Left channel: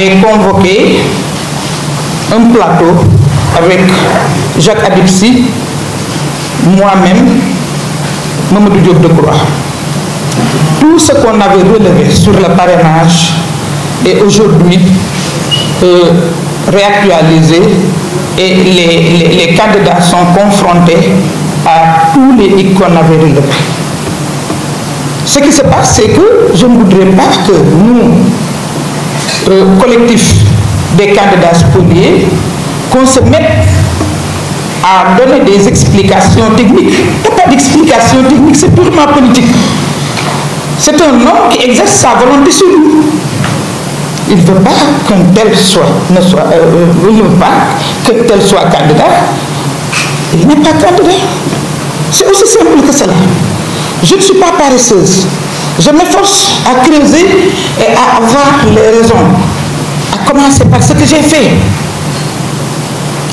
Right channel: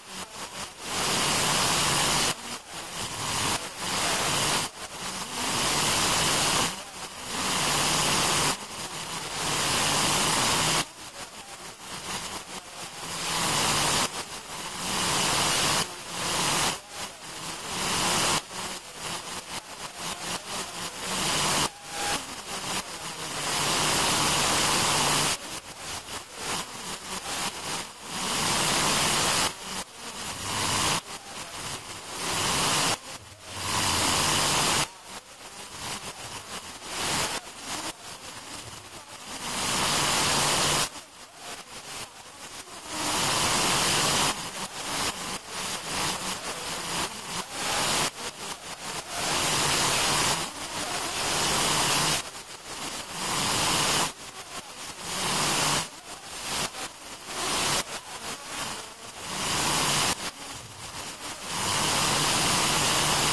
avait convoqué un plateau avec Jacques Adipsi, moi-même, Mamadou Diop Decroix. Tout ce qu'on avait relevé sur le parrainage est aujourd'hui réactualisé et les candidats sont confrontés à tous les hic qu'on avait relevés. Ce qui se passe, c'est que je ne voudrais pas que nous, collectif des candidats spoliés, qu'on se mette à donner des explications techniques. Il n'y a pas d'explication technique, c'est purement politique. C'est un homme qui exerce sa volonté sur nous. Il ne veut pas qu'un tel soit candidat. Il n'est pas candidat. C'est aussi simple que cela. Je ne suis pas paresseuse. Je m'efforce à creuser et à avoir les raisons. À commencer par ce que j'ai fait.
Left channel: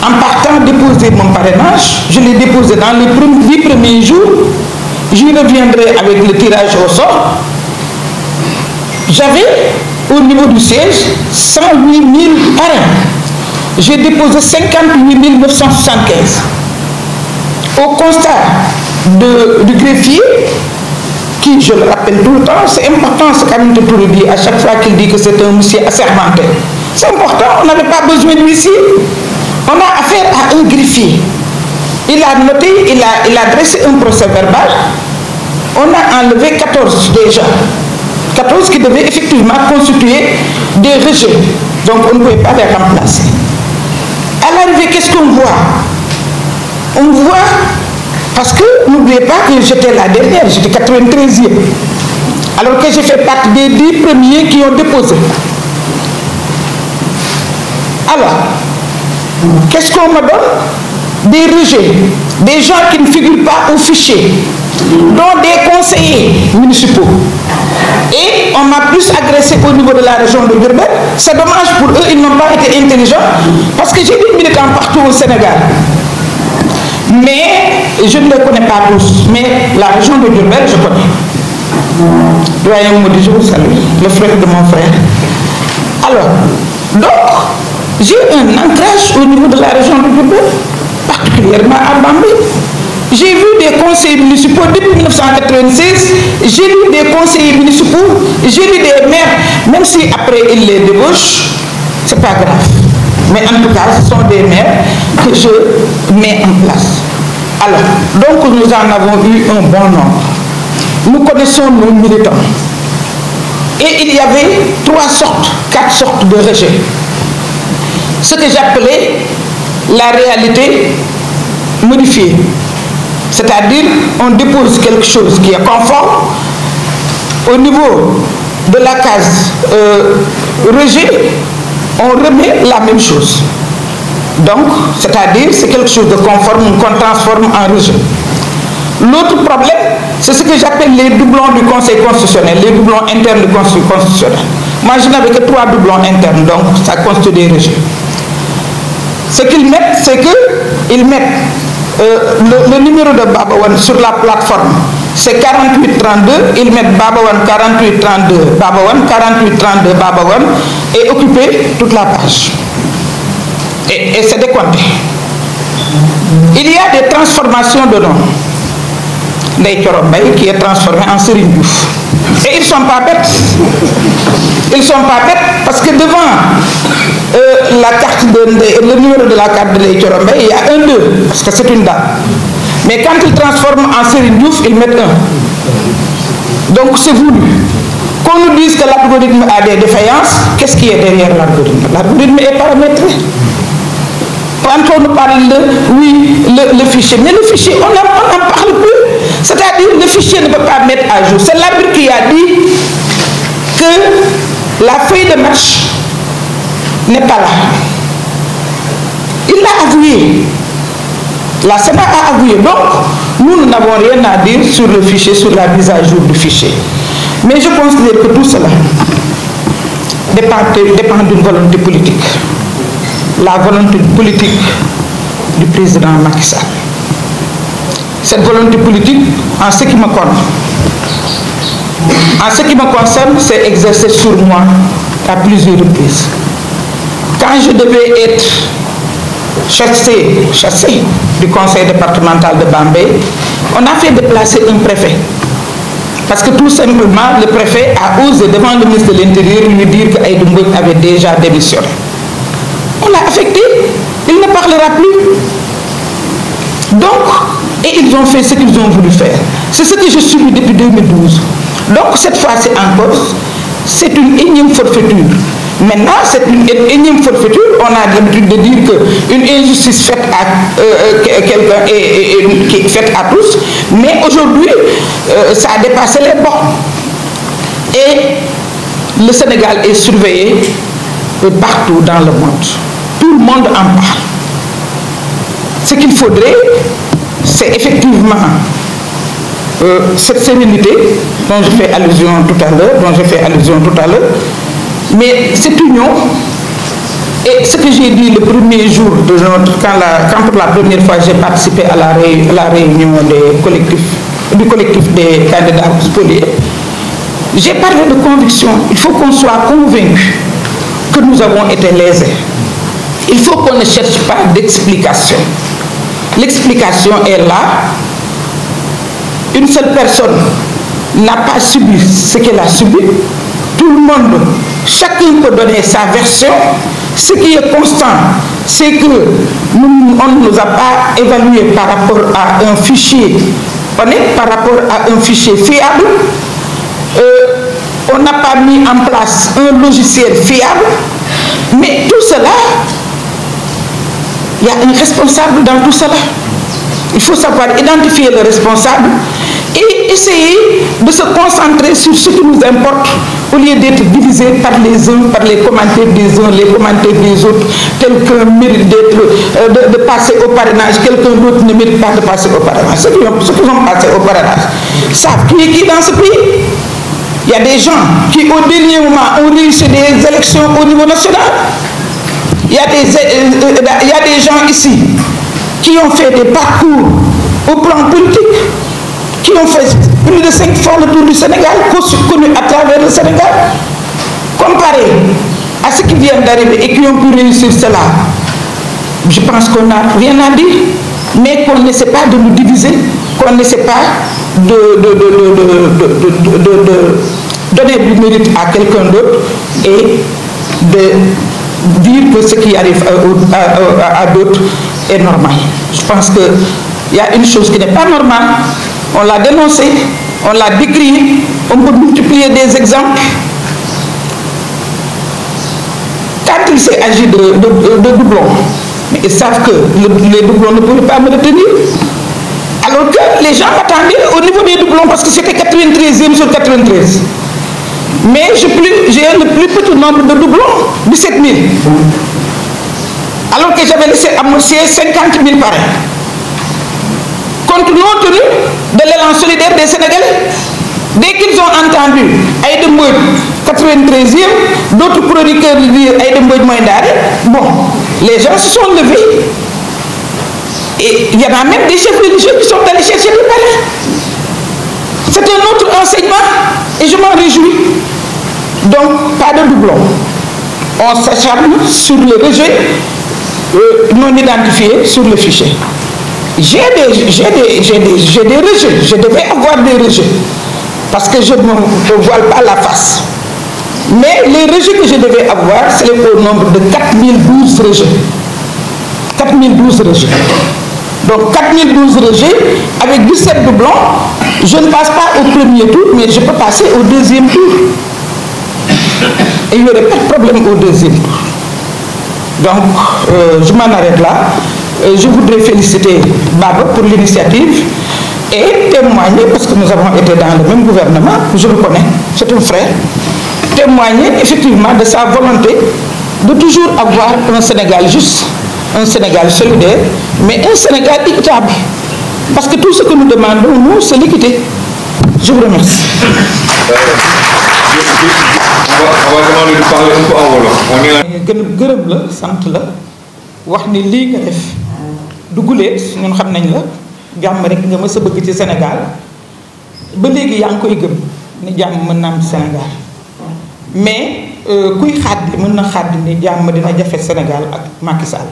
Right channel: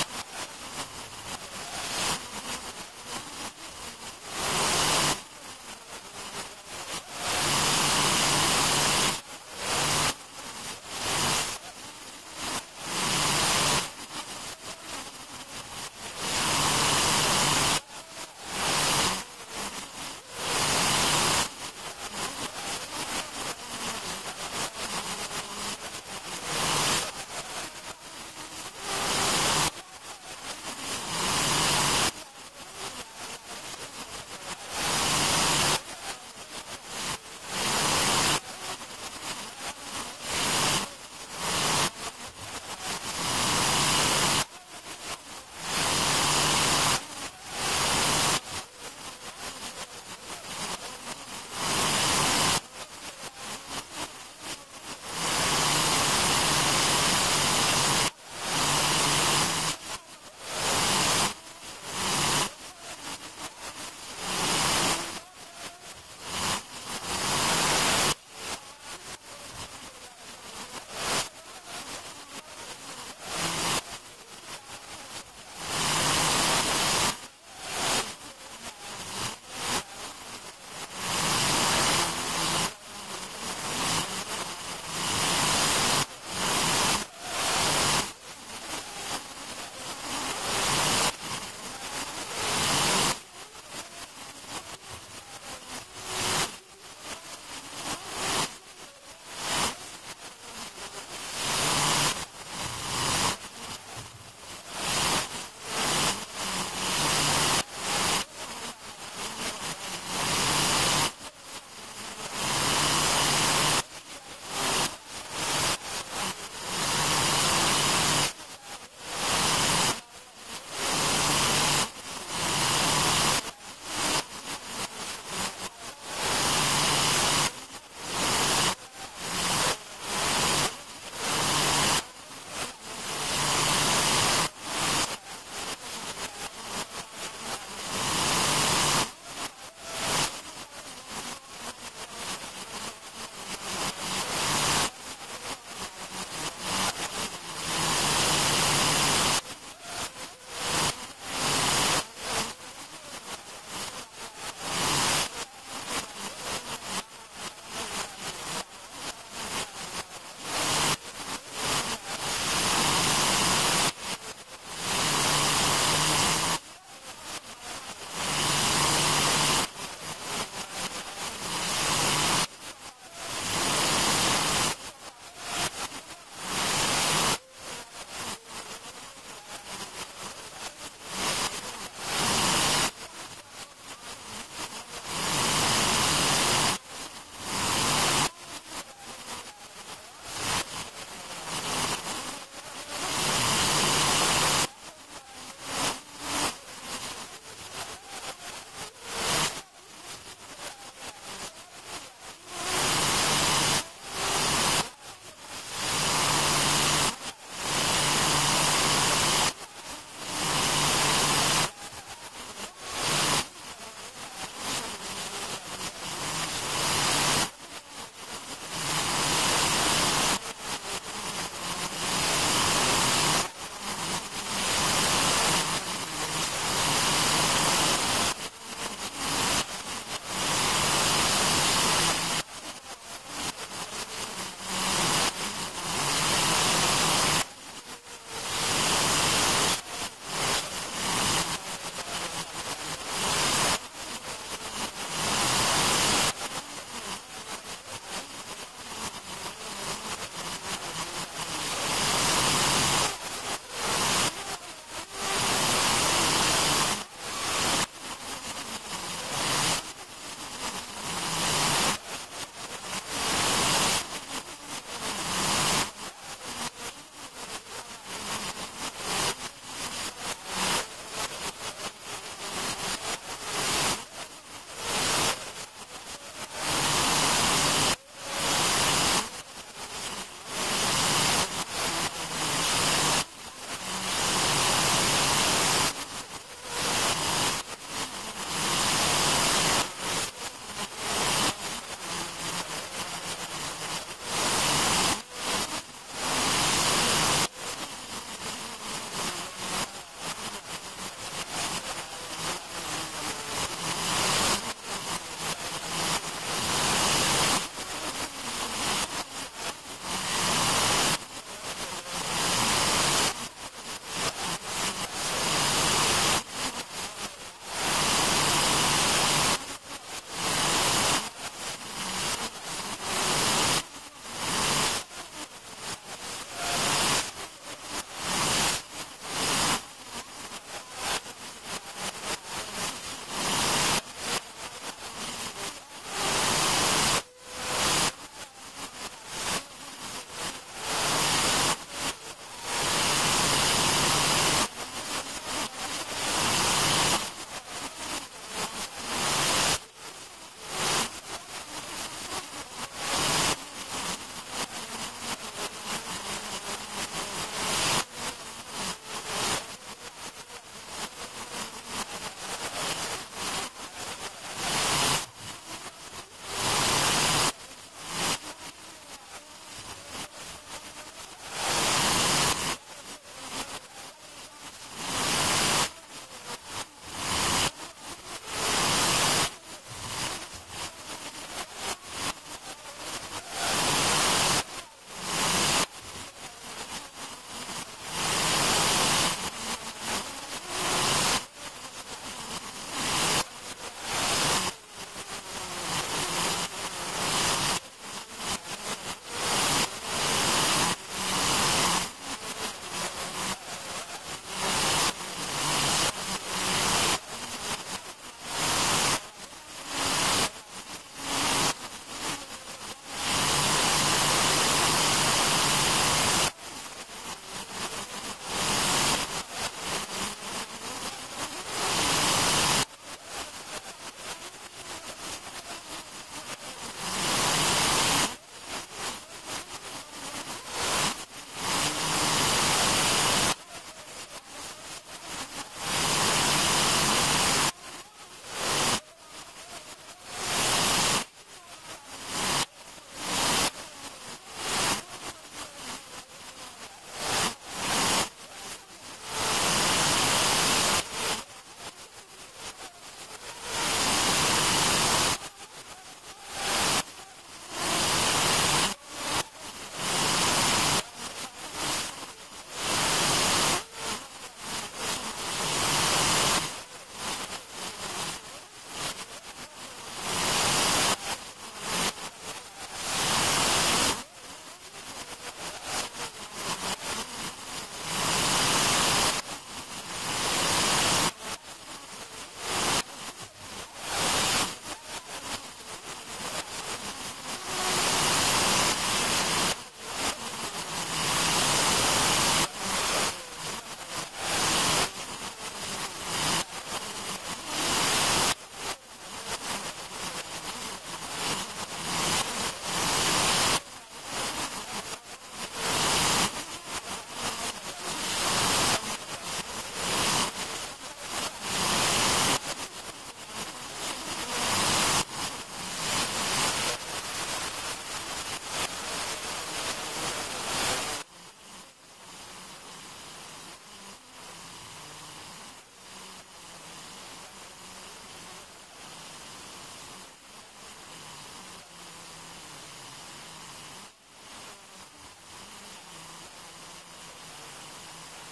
En partant déposer mon parrainage, je l'ai déposé dans les 10 premiers jours. J'y reviendrai avec le tirage au sort. J'avais, au niveau du siège, 108 000 parrains. J'ai déposé 58 975. Au constat du greffier, qui, je le rappelle tout le temps, c'est important ce qu'Aminata Touré dit à chaque fois qu'il dit que c'est un monsieur assermenté. C'est important, on n'avait pas besoin d'huissier. On a affaire à un greffier. Il a noté, il a dressé un procès verbal. On a enlevé 14 déjà. 14 qui devaient effectivement constituer des rejets. Donc on ne pouvait pas les remplacer. À l'arrivée, qu'est-ce qu'on voit? On voit, parce que n'oubliez pas que j'étais la dernière, j'étais 93e. Alors que j'ai fait partie des 10 premiers qui ont déposé. Alors, qu'est-ce qu'on me donne? Des rejets, des gens qui ne figurent pas au fichier, dont des conseillers municipaux. Et on m'a plus agressé au niveau de la région de Diourbel. C'est dommage pour eux, ils n'ont pas été intelligents, parce que j'ai des militants partout au Sénégal. Mais je ne les connais pas tous. Mais la région de Diourbel, je connais. Doyen Moudi, je vous salue, le frère de mon frère. Alors, donc, j'ai un ancrage au niveau de la région de Diourbel, particulièrement à Bambey. J'ai vu des conseillers municipaux depuis 1996, j'ai vu des conseillers municipaux, j'ai vu des maires, même si après ils les débauchent, c'est pas grave. Mais en tout cas, ce sont des maires que je mets en place. Alors, donc nous en avons eu un bon nombre. Nous connaissons nos militants. Et il y avait 4 sortes de rejets. Ce que j'appelais la réalité modifiée. C'est-à-dire, on dépose quelque chose qui est conforme. Au niveau de la case rejet, on remet la même chose. Donc, c'est-à-dire, c'est quelque chose de conforme qu'on transforme en rejet. L'autre problème, c'est ce que j'appelle les doublons du Conseil constitutionnel, les doublons internes du Conseil constitutionnel. Moi, je n'avais que 3 doublons internes, donc ça constitue des rejets. Ce qu'ils mettent, c'est qu'ils mettent le numéro de Babawan sur la plateforme, c'est 4832, ils mettent Babawan 4832, Babawan 4832, Babawan, et occuper toute la page. Et c'est décompté. Il y a des transformations de noms. Ndeye Thioro Mbaye qui est transformé en Serigne Diouf. Et ils ne sont pas bêtes. Ils ne sont pas bêtes parce que devant la carte le numéro de la carte de Ndeye Thioro Mbaye, il y a un 2, parce que c'est une dame. Mais quand ils transforment en Serigne Diouf, ils mettent 1. Donc c'est voulu. Qu'on nous dise que l'algorithme a des défaillances, qu'est-ce qui est derrière l'algorithme? L'algorithme est paramétré. Quand on nous parle de, oui, le fichier, mais le fichier, on n'en parle plus. C'est-à-dire le fichier ne peut pas mettre à jour. C'est l'arbitre qui a dit que la feuille de match n'est pas là. Il l'a avoué. La Sénat a avoué. Donc, nous n'avons rien à dire sur le fichier, sur la mise à jour du fichier. Mais je considère que tout cela dépend d'une volonté politique. La volonté politique du président Macky Sall. Cette volonté politique, en ce qui me concerne, c'est exercée sur moi à plusieurs reprises. quand je devais être chassé du conseil départemental de Bambey, on a fait déplacer un préfet. Parce que tout simplement, le préfet a osé devant le ministre de l'Intérieur lui dire qu'Aïda Mbodj avait déjà démissionné. On l'a affecté, il ne parlera plus. Donc, et ils ont fait ce qu'ils ont voulu faire. C'est ce que je subis depuis 2012. Donc cette fois-ci encore, c'est une énième forfaiture. Maintenant, c'est une énième forfaiture. On a l'habitude de dire qu'une injustice faite à quelqu'un est faite à tous. Mais aujourd'hui, ça a dépassé les bornes. Et le Sénégal est surveillé partout dans le monde. Tout le monde en parle. Ce qu'il faudrait, c'est effectivement cette sérénité dont je fais allusion tout à l'heure, mais cette union, et ce que j'ai dit le premier jour de quand pour la première fois j'ai participé à la réunion du collectif des candidats spoliés, j'ai parlé de conviction. Il faut qu'on soit convaincu que nous avons été lésés. Il faut qu'on ne cherche pas d'explication. L'explication est là. Une seule personne n'a pas subi ce qu'elle a subi. Tout le monde, chacun peut donner sa version. Ce qui est constant, c'est que on ne nous a pas évalué par rapport à un fichier honnête, par rapport à un fichier fiable. On n'a pas mis en place un logiciel fiable. Mais tout cela, il y a un responsable dans tout cela. Il faut savoir identifier le responsable et essayer de se concentrer sur ce qui nous importe au lieu d'être divisé par les uns, par les commentaires des uns, les commentaires des autres. Quelqu'un mérite de passer au parrainage, quelqu'un d'autre ne mérite pas de passer au parrainage. Ceux qui ont passé au parrainage savent qui est qui dans ce pays. Il y a des gens qui au dernier moment ont réussi des élections au niveau national. Il y a des gens ici qui ont fait des parcours au plan politique, qui ont fait plus de 5 fois le tour du Sénégal, connus à travers le Sénégal. Comparé à ceux qui viennent d'arriver et qui ont pu réussir cela, je pense qu'on n'a rien à dire, mais qu'on n'essaie pas de nous diviser, qu'on n'essaie pas de donner du mérite à quelqu'un d'autre et de dire que ce qui arrive à d'autres est normal. Je pense qu'il y a une chose qui n'est pas normale. On l'a dénoncé, on l'a décrié, on peut multiplier des exemples. Quand il s'est agi de doublons, mais ils savent que les doublons ne pouvaient pas me retenir. Alors que les gens m'attendaient au niveau des doublons parce que c'était 93e sur 93. Mais j'ai le plus petit nombre de doublons, 17 000. Alors que j'avais laissé amorcer 50 000 parrains. Compte tenu de l'élan solidaire des Sénégalais. Dès qu'ils ont entendu Aïda Mbodj 93e, d'autres chroniqueurs dire Aïda Mbodj Moindare, bon, les gens se sont levés. Et il y en a même des chefs religieux qui sont allés chercher des parrains. C'est un autre enseignement et je m'en réjouis. Donc, pas de doublon. On s'acharne sur le rejet non identifié sur le fichier. J'ai des rejets. Je devais avoir des rejets. Parce que je ne me voile pas la face. Mais les rejets que je devais avoir, c'est au nombre de 4012 rejets. 4012 rejets. Donc 4012 rejets, avec 17 doublons, je ne passe pas au premier tour, mais je peux passer au deuxième tour. Et il n'y aurait pas de problème au deuxième tour. Donc, je m'en arrête là. Je voudrais féliciter Baba pour l'initiative et témoigner, parce que nous avons été dans le même gouvernement, je le connais, c'est un frère, témoigner effectivement de sa volonté de toujours avoir un Sénégal juste, un Sénégal solidaire, mais un Sénégal équitable. Parce que tout ce que nous demandons, nous, c'est l'équité. Je vous remercie. On va demander de parler un peu en wolof. gërëm la sant la wax ni lii nga def duguleet ñun xam nañ la jàmm rek nga mës a bëgg ci Sénégal ba léegi yaa ngi koy gëm ni jàmm mën na am ci Sénégal mais kuy xaddi mën na xaddi ni jàmm dina jafe Sénégal ak Macky Sall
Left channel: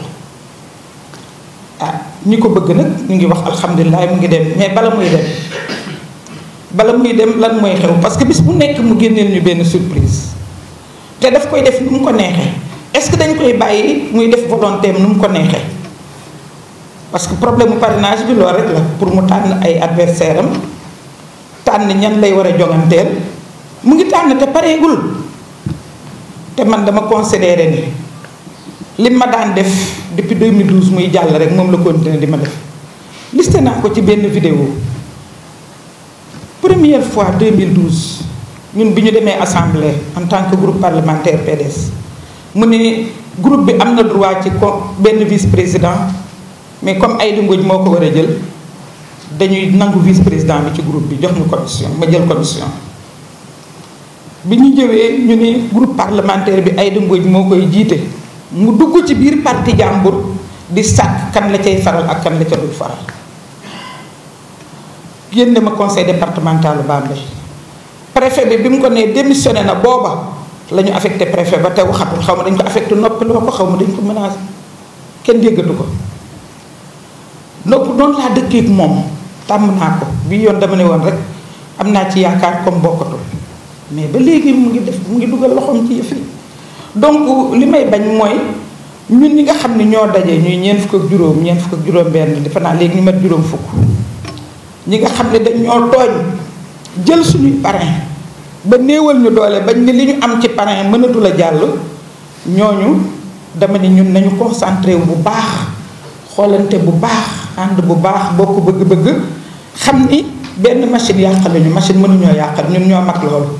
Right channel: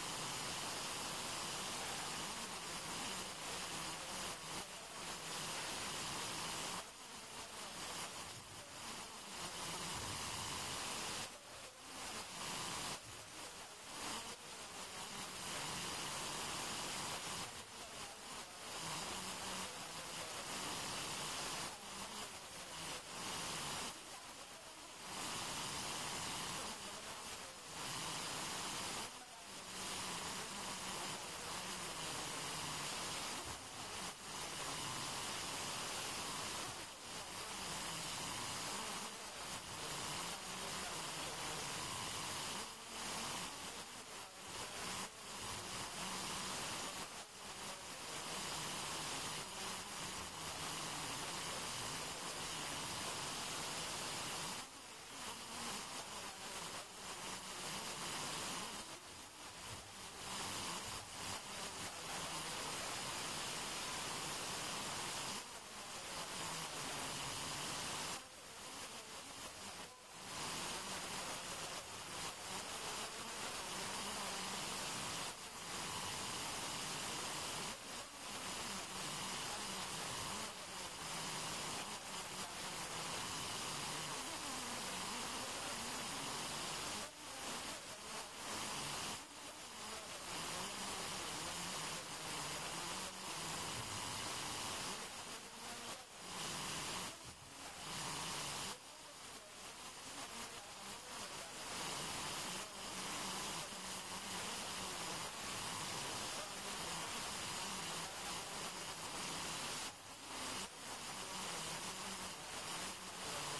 ñi ko bëgg nag ñu ngi wax alhamdulilah mu ngi dem mais bala muy dem lan mooy xew parce que bis bu nekk mu génneel ñu benn surprise te daf koy def nu mu ko neexee est-ce que dañ koy bàyyi muy def volonté am nu mu ko neexee parce que problème mu parrainage bi loolu rek la pour mu tànn ay adversaire am tànn ñan lay war a jonganteel mu ngi tànn te pareegul te man dama considéré ni li ma daan def depuis 2012 muy jàll rek moom la continuer di ma def listé naa ko ci benn vidéo première fois 2012 ñun bi ñu demee assemblée en tant que groupe parlementaire PDS mu ne groupe bi am na droit ci benn vice président mais comme Aïda Mbodj moo ko war a jël dañuy nangu vice président bi ci groupe bi jox ñu commission ma jël commission bi ñu jëwee ñu ne groupe parlementaire bi Aïda Mbodj moo koy jiite mu dugg ci biir parti jàmbur di sàkk kan la cay faral ak kan la ca dul faral génne ma conseil départemental Bambey préfet bi mu ko nee démissionné na booba la ñu affecté préfet ba te waxatul xaw ma dañ ko affecté noppi loo ko xaw ma dañ ko menacé kenn déggatu ko donc noonu laa dëkkeek moom tàmm naa ko bii yoon dama ne woon rek am naa ci yaakaar comme bokkatul mais ba léegi mu ngi dugal loxoom ci yëf yi donc li may bañ mooy ñun ñi nga xam ne ñoo daje ñuy ñeent fukk ak juróom benn defe naa léegi ñu mat juróom fukk ñi nga xam ne dañ ñoo tooñ jël suñuy parrain ba néewal ñu doole bañ ne li ñu am ci parrain mënatul a jàll ñooñu dama ne ñun nañu concentré wu bu baax xoolante bu baax ànd bu baax bokk bëgg-bëgg xam ni benn machine yàqaluñu machine mënuñoo yàqal ñun ñoo mag loolu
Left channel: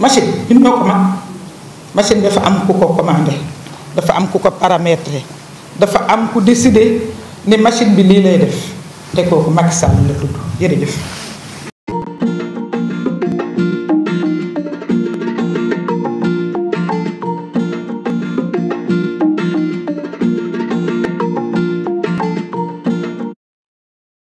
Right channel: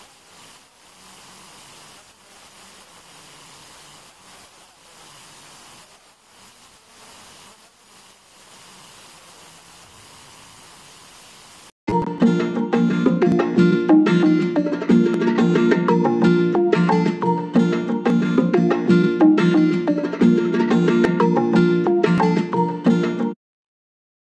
machine ñun ñoo ko mag machine dafa am ku ko commandé dafa am ku ko paramétré dafa am ku décidé ni machine bi lii lay def te kooku Macky Sall la tudd jërëjëf